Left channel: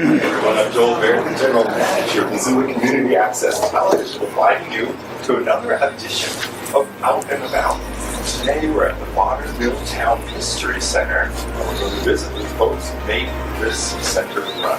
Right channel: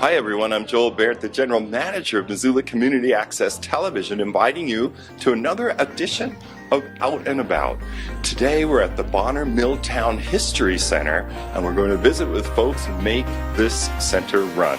Hi everyone, I'm Joel Baird, the General Manager of Missoula Community Access Television, inviting you to another edition of Out and About. Today we're at the Bonner Milltown History Center, and we're going to visit with folks who make this center run.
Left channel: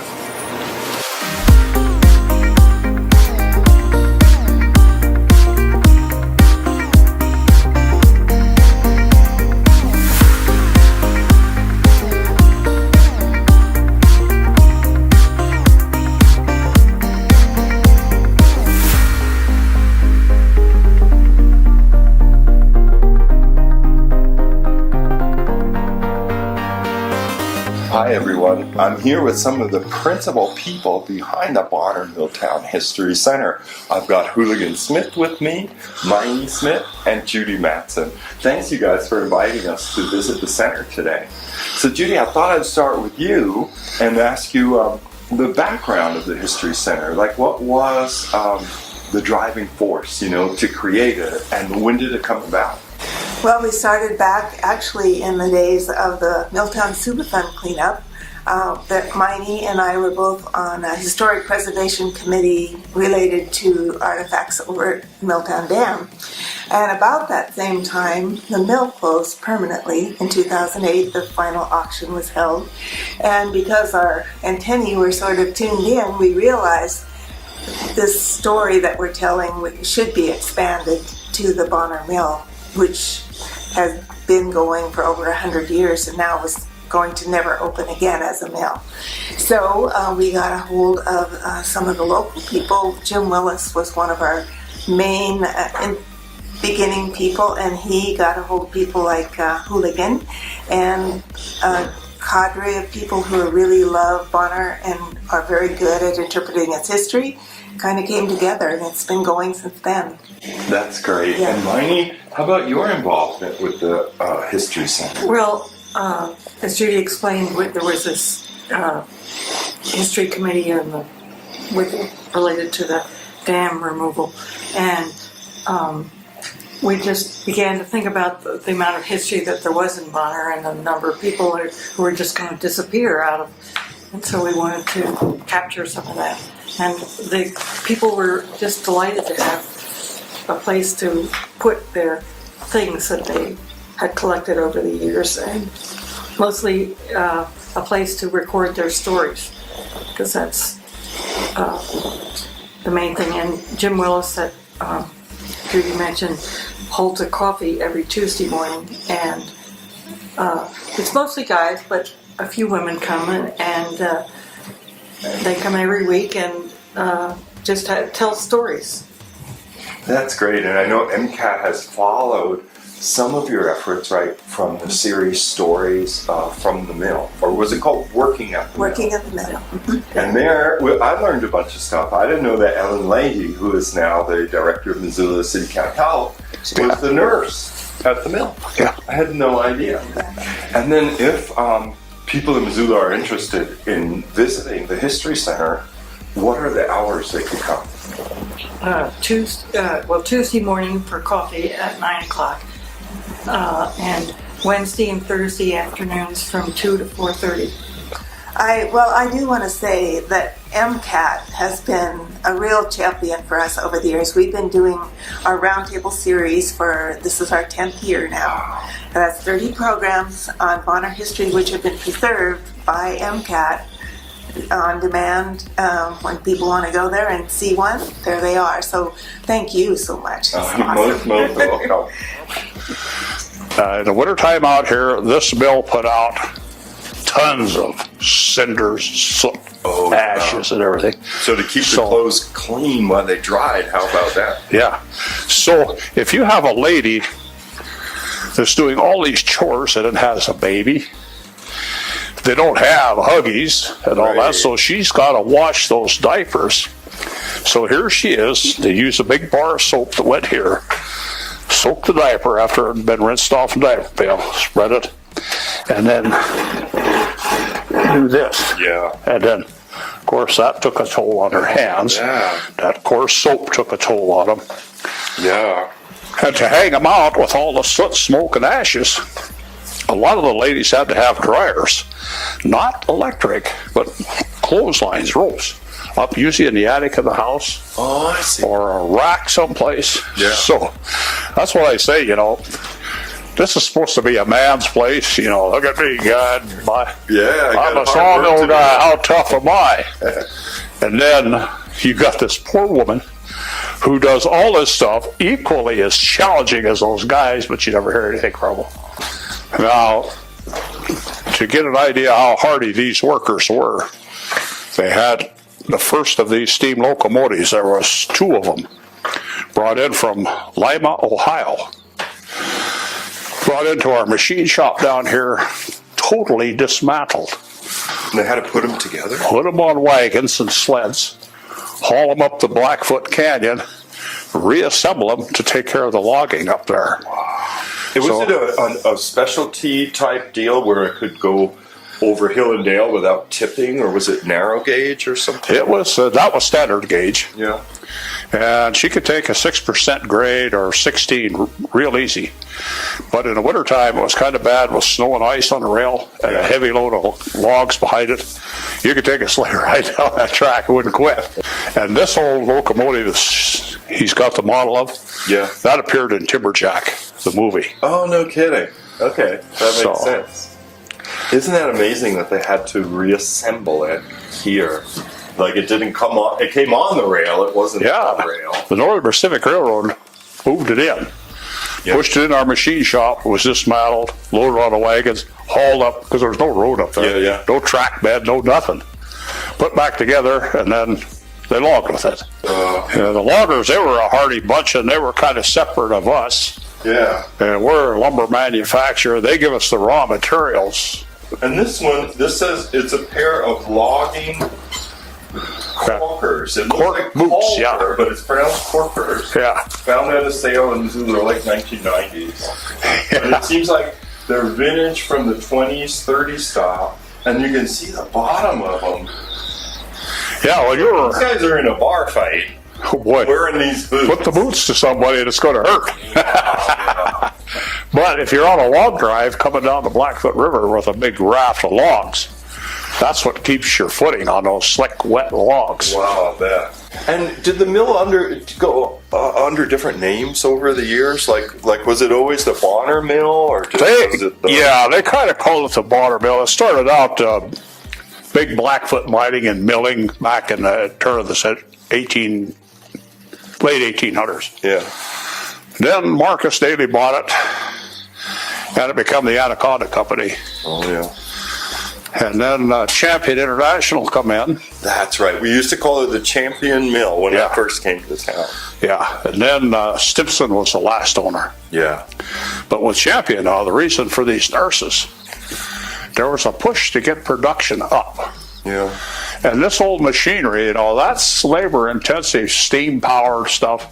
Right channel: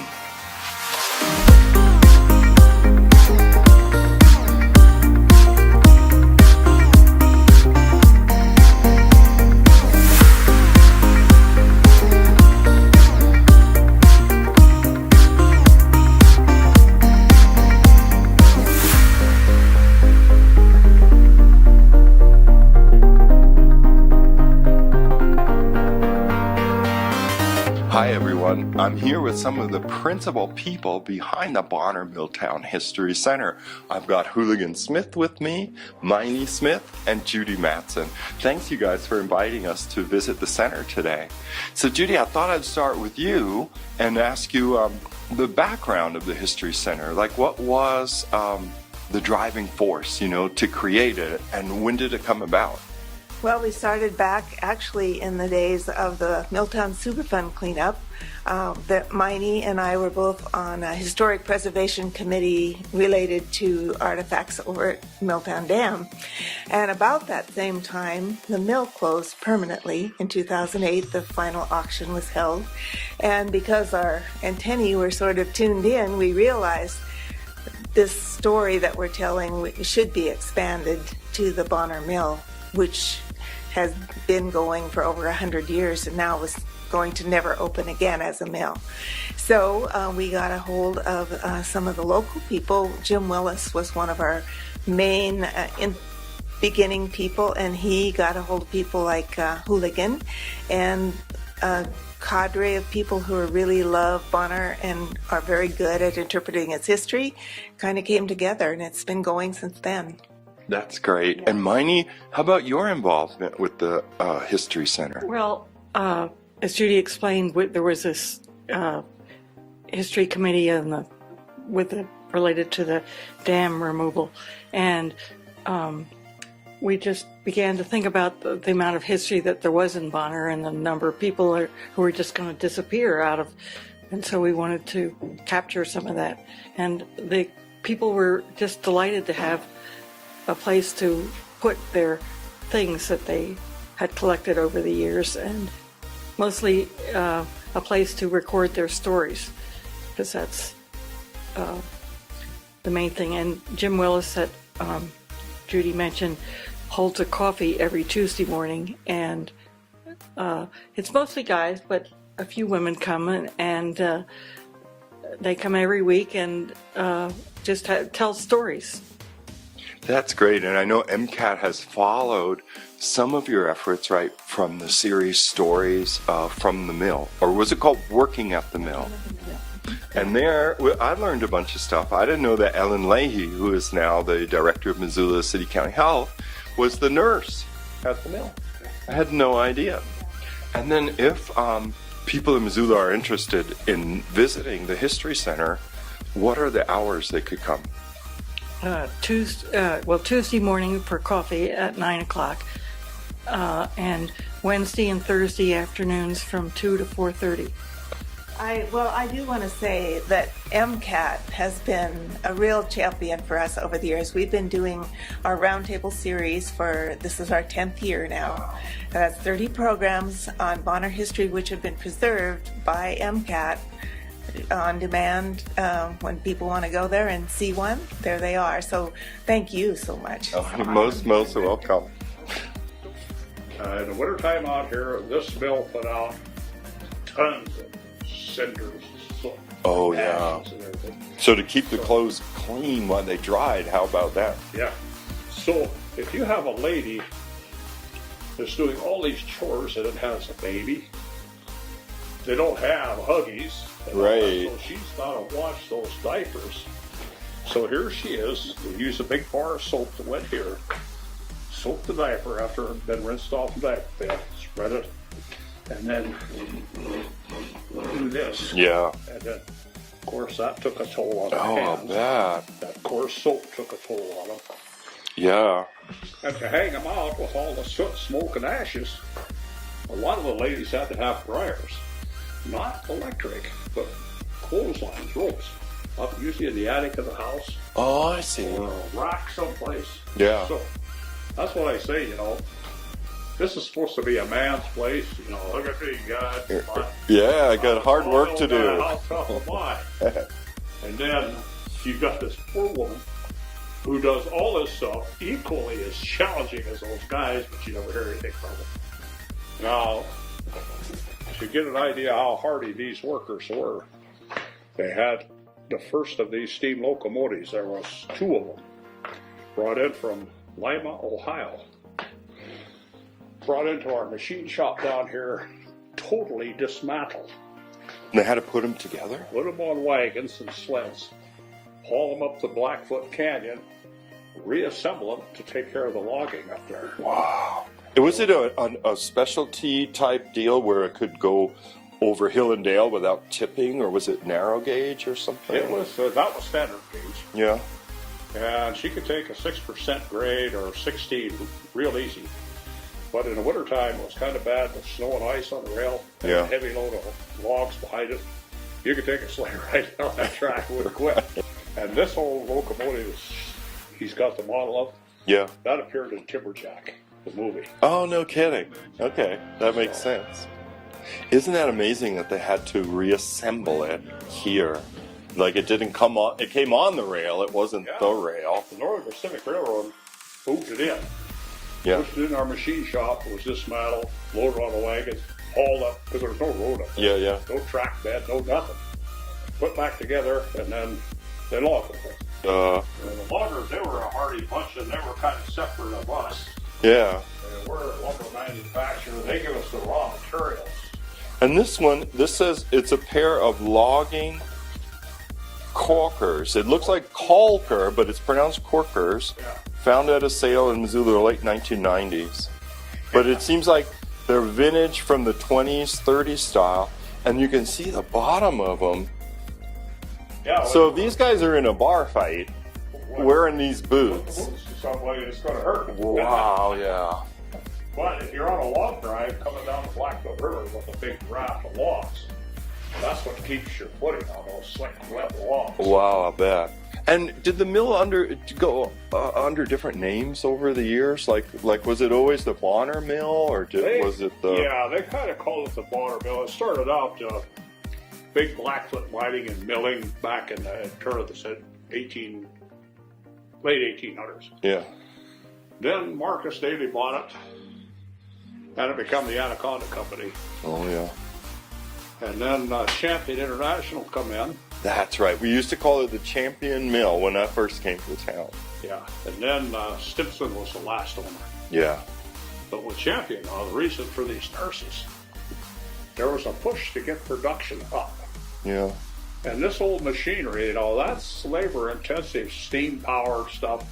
Hi everyone, I'm here with some of the principal people behind the Bonner Milltown History Center. I've got Hooligan Smith with me, Minie Smith, and Judy Matson. Thanks you guys for inviting us to visit the center today. So Judy, I thought I'd start with you and ask you the background of the History Center. Like what was the driving force, to create it, and when did it come about? Well, we started back actually in the days of the Milltown Superfund cleanup. That Minie and I were both on a historic preservation committee related to artifacts over at Milltown Dam. And about that same time, the mill closed permanently. In 2008, the final auction was held. And because our antennae were sort of tuned in, we realized this story that we're telling should be expanded to the Bonner Mill, which has been going for over 100 years and now is going to never open again as a mill. So we got a hold of some of the local people. Jim Willis was one of our main beginning people, and he got a hold of people like Hooligan and a cadre of people who really love Bonner and are very good at interpreting its history. Kind of came together, and it's been going since then. That's great. Yeah. And Minie, how about your involvement with the History Center? Well, as Judy explained, there was this history committee related to the dam removal, and we just began to think about the amount of history that there was in Bonner and the number of people who were just going to disappear and so we wanted to capture some of that. And the people were just delighted to have a place to put their things that they had collected over the years, and mostly a place to record their stories, because that's the main thing. And Jim Willis, that Judy mentioned, holds a coffee every Tuesday morning, and it's mostly guys, but a few women come, and they come every week and just tell stories. That's great, and I know MCAT has followed some of your efforts, right, from the series Stories from the Mill, or was it called Working at the Mill? Working at the mill. And there, I learned a bunch of stuff. I didn't know that Ellen Leahy, who is now the director of Missoula City County Health, was the nurse at the mill. Yeah. I had no idea. And then if people in Missoula are interested in visiting the History Center, what are the hours they could come? Tuesday morning for coffee at 9 o'clock, and Wednesday and Thursday afternoons from 2 to 4:30. I do want to say that MCAT has been a real champion for us over the years. We've been doing our roundtable series this is our 10th year now. And that's 30 programs on Bonner history, which have been preserved by MCAT on demand. When people want to go there and see one, there they are. So thank you so much. Most welcome. In the wintertime out here, this mill put out tons of cinders, soot, ashes, and everything. So to keep the clothes clean while they dried, how about that? Yeah. So if you have a lady that's doing all these chores and has a baby, they don't have Huggies and all that, so she's got to wash those diapers. So here she is. They use a big bar of soap that went here, soak the diaper after it had been rinsed off the diaper pail, spread it, and then do this. Yeah. And then, of course, that took a toll on her hands. Yeah. That coarse soap took a toll on them. Yeah. And to hang them out with all the soot, smoke, and ashes, a lot of the ladies had to have dryers. Not electric, but clotheslines, ropes, up usually in the attic of the house. Oh, I see. Or a rack someplace. Yeah. So that's what I say, this is supposed to be a man's place, look at me, God. Yeah, I'm a sawmill guy, how tough am I? And then you got this poor woman who does all this stuff equally as challenging as those guys, but you never hear anything from them. Now, to get an idea how hardy these workers were, they had the first of these steam locomotives. There was 2 of them brought in from Lima, Ohio. Brought into our machine shop down here, totally dismantled. And they had to put them together? Put them on wagons and sleds, haul them up the Blackfoot Canyon, reassemble them to take care of the logging up there. Was it a specialty type deal where it could go over hill and dale without tipping, or was it narrow gauge or something? It was that was standard gauge. Yeah. And she could take a 6% grade or 16 real easy. But in the wintertime, it was kind of bad with snow and ice on the rail and a heavy load of logs behind it. You could take a sleigh ride down that track, it wouldn't quit. And this old locomotive, he's got the model of, that appeared in Timberjack, the movie. Oh, no kidding. Okay, that makes sense. Isn't that amazing that they had to reassemble it here? Like it didn't come on, it came on the rail, it wasn't on the rail. The Northern Pacific Railroad moved it in. Pushed it in our machine shop, was dismantled, loaded on the wagons, hauled up, because there was no road up there. No track bed, no nothing. Put back together, and then they logged with it. The loggers, they were a hardy bunch, and they were kind of separate of us. Yeah. And we're a lumber manufacturer. They give us the raw materials. And this one, this says it's a pair of logging Corkers. It looks like boots, Corker, but it's pronounced Corkers. Yeah. Found at a sale in Missoula, like 1990s. But it seems like they're vintage from the 20s, 30s style, and you can see the bottom of them. Yeah, well, So these guys are in a bar fight. Oh boy. Wearing these boots. Put the boots to somebody and it's going to hurt. Wow, yeah. But if you're on a log drive coming down the Blackfoot River with a big raft of logs, that's what keeps your footing on those slick, wet logs. Wow, I bet. And did the mill go under different names over the years? Like was it always the Bonner Mill, or was it the... Yeah, they kind of called it the Bonner Mill. It started out big Blackfoot mining and milling back in the turn of the late 1800s. Yeah. Then Marcus Daly bought it, and it became the Anaconda Company. Oh, yeah. And then Champion International come in. That's right. We used to call it the Champion Mill when I first came to town. Yeah, and then Stimson was the last owner. Yeah. But with Champion, the reason for these nurses, there was a push to get production up. Yeah. And this old machinery, that's labor-intensive, steam-powered stuff.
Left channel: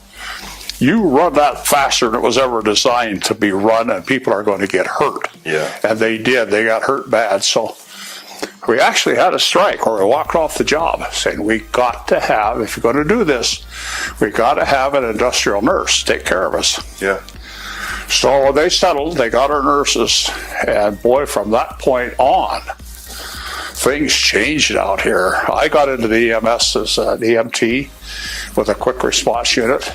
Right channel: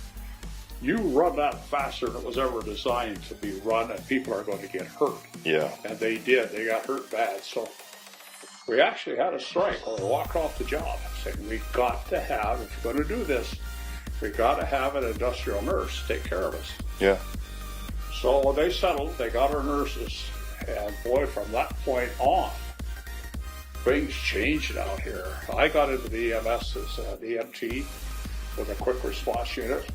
You run that faster than it was ever designed to be run, and people are going to get hurt. Yeah. And they did. They got hurt bad. So we actually had a strike where we walked off the job saying, we got to have, if you're going to do this, we got to have an industrial nurse take care of us. Yeah. So they settled. They got our nurses. And boy, from that point on, things changed out here. I got into the EMS as an EMT with a quick response unit.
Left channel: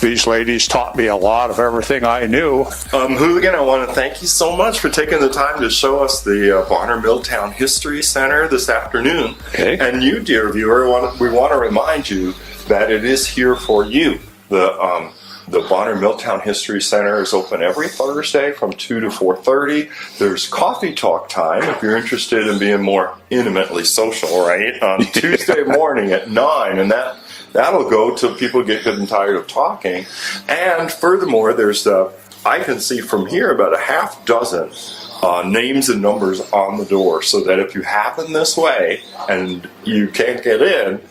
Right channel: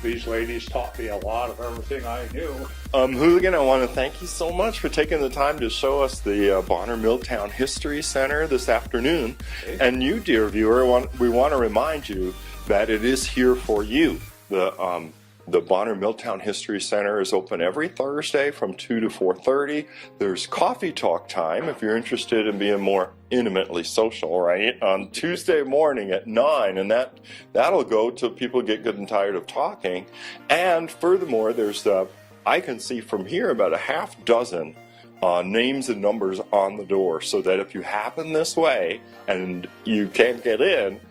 These ladies taught me a lot of everything I knew. Hooligan, I want to thank you so much for taking the time to show us the Bonner Milltown History Center this afternoon. Okay. And you, dear viewer, we want to remind you that it is here for you. The Bonner Milltown History Center is open every Thursday from 2 to 4:30. There's coffee talk time if you're interested in being more intimately social, right? On Tuesday morning at 9, and that'll go till people get good and tired of talking. And furthermore, there's I can see from here about a half dozen names and numbers on the door, so that if you happen this way and you can't get in,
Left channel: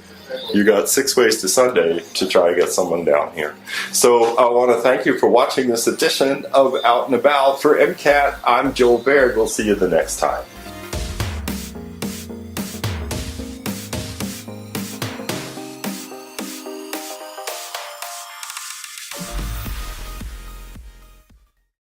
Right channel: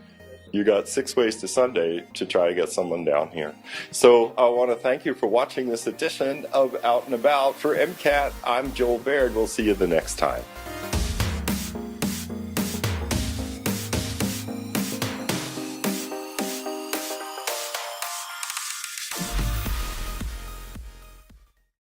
you got 6 ways to Sunday to try to get someone down here. So I want to thank you for watching this edition of Out and About. For MCAT, I'm Joel Baird. We'll see you the next time.